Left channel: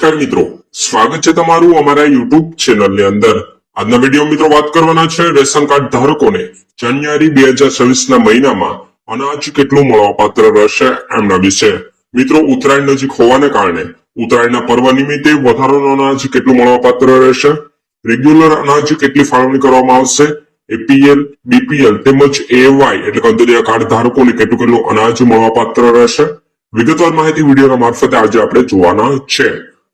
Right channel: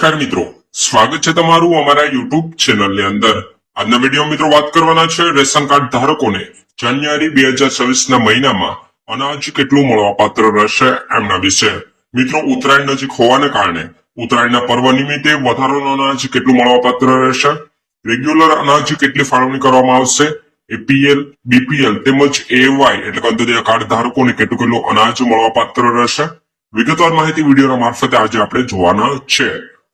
નમસ્કાર મિત્રો. સ્વાગત છે તમારું અમારા યુટ્યુબ ચેનલની અંદર. આજના વીડિયો મિત્રો વાત કરવાના છે રેશન કાર્ડ ધારકોને. જાન્યુઆરી બે હજાર છવ્વીસ ના મહિનામાં અનાજ કેટલું મળવાપાત્ર રહેશે એમના વિશે. મિત્રો, ઉત્તરાયણ નજીક હોવાને કારણે ઉત્તરાયણના પર્વ નિમિત્તે વધારાનું અનાજ કેટલું મળવાપાત્ર રહેશે? રેગ્યુલર અનાજ કેટલી ફાળવણી કરવામાં આવશે? એપીએલ બીપીએલ તેમજ એવાય એટલે કે અંતરિયા કાર્ડ ધારકોને કેટલું કેટલું અનાજ મળવાપાત્ર રહેશે? વિગતવાર માહિતી વિડીયોના મારફતે આજે આપણે જોવાના છે.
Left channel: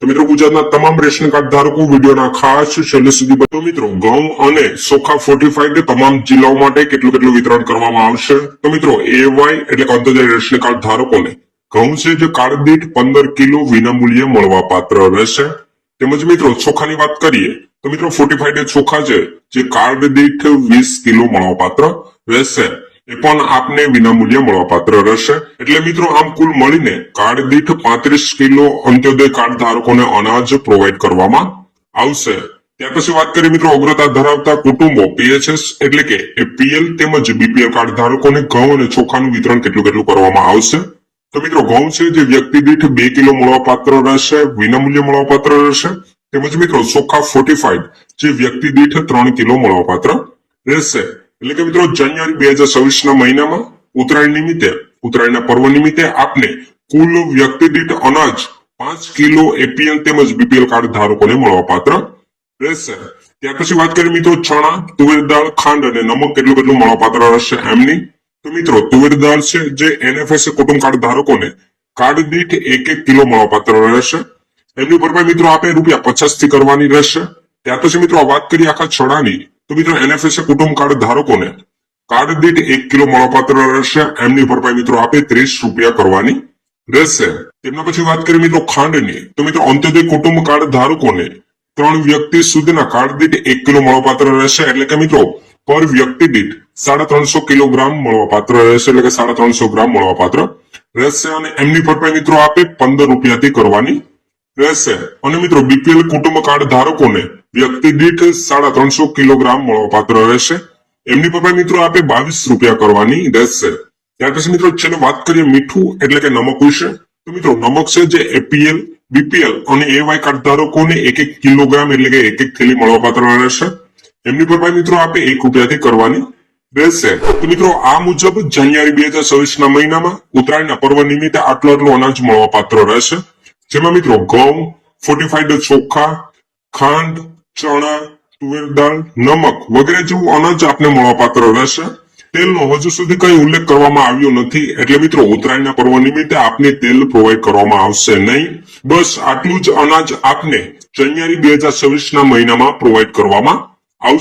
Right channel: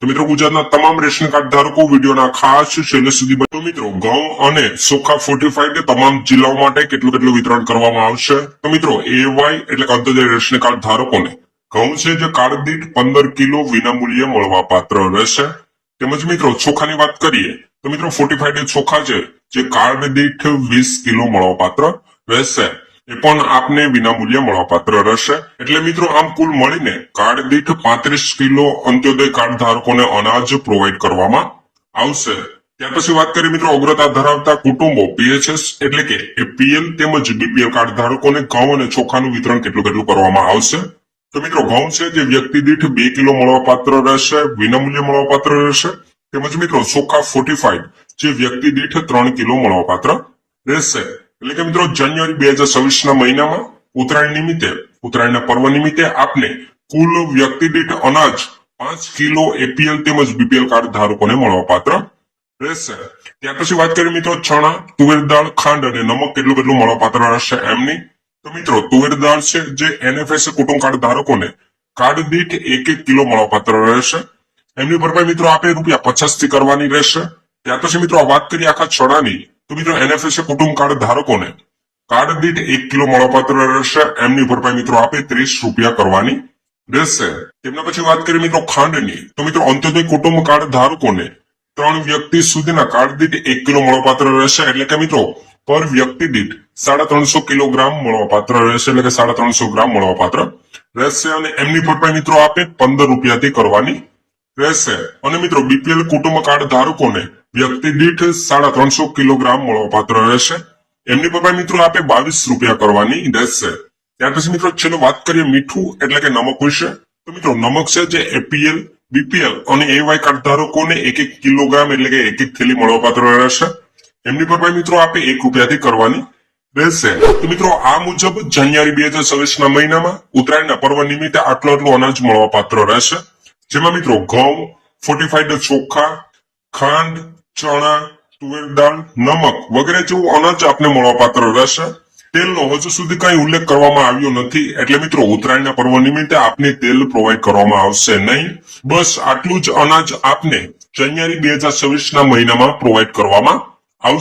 મિત્રો ગુજરાતના તમામ રેશન કાર્ડ ધારકો વિડીયોના ખાસ છેલ્લે સુધી બનો મિત્રો, ઘઉં અને સોખા ફોર્ટિફાઈડ તમામ જિલ્લાઓ માટે કેટલું કેટલું વિતરણ કરવામાં આવશે? તો મિત્રો એવાય એટલે કે અંત્યોદય રેશન કાર્ડ ધારકોને ઘઉં છે જે કાર્ડ દીઠ પંદર કિલો વિનામૂલ્યે મળવા પાત્ર રહેશે. તેમજ મિત્રો ચોખાની વાત કરીએ, તો મિત્રો ફોર્ટિફાઈડ ચોખા છે જે કાર્ડ દીઠ વીસ કિલો મળવા પાત્ર રહેશે. એ પણ આપને વિનામૂલ્યે મળવાપાત્ર રહેશે. એટલે મિત્રો, આમ કુલ મળીને કાર્ડ દીઠ પાંત્રીસ કિલો અંત્યોદય કાર્ડ ધારકોને અનાજ પ્રોવાઈડ કરવામાં આવશે. ત્યાર પછી વાત કરીએ મિત્રો, અગ્રતા ધરાવતા કુટુંબો પીએચએસ એટલે કે પીએલ તેમજ બીપીએલ કાર્ડ ધારકોને ઘઉં અને ચોખાનું વિતરણ કેટલું કેટલું કરવામાં આવશે. તો મિત્રો, ઘઉં છે જે વ્યક્તિ દીઠ બે કિલો મળવાપાત્ર રહેશે, વિનામૂલ્ય મળવાપાત્ર રહેશે. તેમજ મિત્રો, ચોખા ફોર્ટિફાઈડ જે વ્યક્તિ દીઠ ત્રણ કિલો મળવાપાત્ર રહેશે. એટલે કે મિત્રો, જાન્યુઆરી બે હજાર છવ્વીસ ના મહિનામાં ઉત્તરાયણ નિમિત્તે, ઉત્તરાયણના પર્વ નિમિત્તે આપને કુલ વ્યક્તિ દીઠ અનાજ પાંચ કિલો એપીએલ તેમજ બીપીએલ કાર્ડ ધારકોને મળવાપાત્ર રહેશે. ત્યાર પછી વાત કરીએ મિત્રો, ચણા, તુવેર દાળ, ખાંડ અને નમક કેટલું કેટલું મળવાપાત્ર રહેશે એમની? તો મિત્રો, તુવેર દાળ છે જે એનએફએસ કુટુંબ કાર્ડ ધારકોને કાર્ડ દીઠ એક એક કિલો મળવાપાત્ર રહેશે. એમની ભરપાઈ મિત્રો આપે રૂપિયા પચાસથી કરવાની રહેશે. ત્યાર પછી મિત્રો વાત કરીએ આખા ચણાની. તો મિત્રો એનએફએસ કુટુંબ કાર્ડ ધારકોને. કાર્ડ દીઠ એક કિલો મળવાપાત્ર રહેશે. એમની ભરપાઈ મિત્રો આપે ત્રીસ રૂપિયા કરવાની રહેશે. તેમના પછી વાત કરીએ મિત્રો ખાંડની. તો મિત્રો અંત્યોદય કુટુંબ કાર્ડ ધારકોને ત્રણ વ્યક્તિ સુધીના કાર્ડ દીઠ એક કિલો મળવાપાત્ર રહેશે. એટલે કે મિત્રો પર વ્યક્તિ દીઠ સાડા ત્રણસો કિલોગ્રામ મળવાપાત્ર રહેશે. એટલે કે સાડા ત્રણસો ગ્રામ મળવાપાત્ર રહેશે. અને એમની ભરપાઈ મિત્રો આપે પંદર રૂપિયાથી કરવાની રહેશે. અને મિત્રો બીપીએલ કુટુંબ કાર્ડ ધારકોને વ્યક્તિ દીઠ સાડા ત્રણસો કિલોગ્રામ મળવાપાત્ર રહેશે. એમની ભરપાઈ મિત્રો આપે બાવીસ રૂપિયા કરવાની રહેશે. ત્યાર પછી મિત્રો ચલો વાત કરીએ મીઠું એટલે કે નમક વિશે. તો મિત્રો નમક છે જે એપીએલ બીપીએલ અને એવાય કાર્ડ ધારકોને એક એક કિલોગ્રામ એટલે કે એક એક થેલી મળવાપાત્ર રહેશે. એમની પર મિત્રો આપે એક રૂપિયાથી કરવાની રહેશે. તો મિત્રો આ મુજબ જાન્યુઆરી બે હજાર છવ્વીસ ના મહિનામાં ઉત્તરાયણના પર્વ નિમિત્તે આટલું આટલું અનાજ મળવાપાત્ર રહેશે. જેમાં મિત્રો ઘઉં ફોર્ટીફાઈડ ચોખા, ખાંડ ચણા, તુવેર દાળ, નમક વગેરે જેવું અનાજ આપને મળવાપાત્ર રહેશે. તેલનો હજુ સુધી કઈ ઉલ્લેખ કરવામાં આવ્યો નથી. એટલે મિત્રો, ઉત્તરાયણના પર્વ નિમિત્તે આપને તેલ પ્રોવાઈડ કરવામાં આવશે નહીં. બસ આટલું જ અનાજ આપને જાન્યુઆરી બે હજાર છવ્વીસ ના મહિનામાં પ્રોવાઈડ કરવામાં આવશે.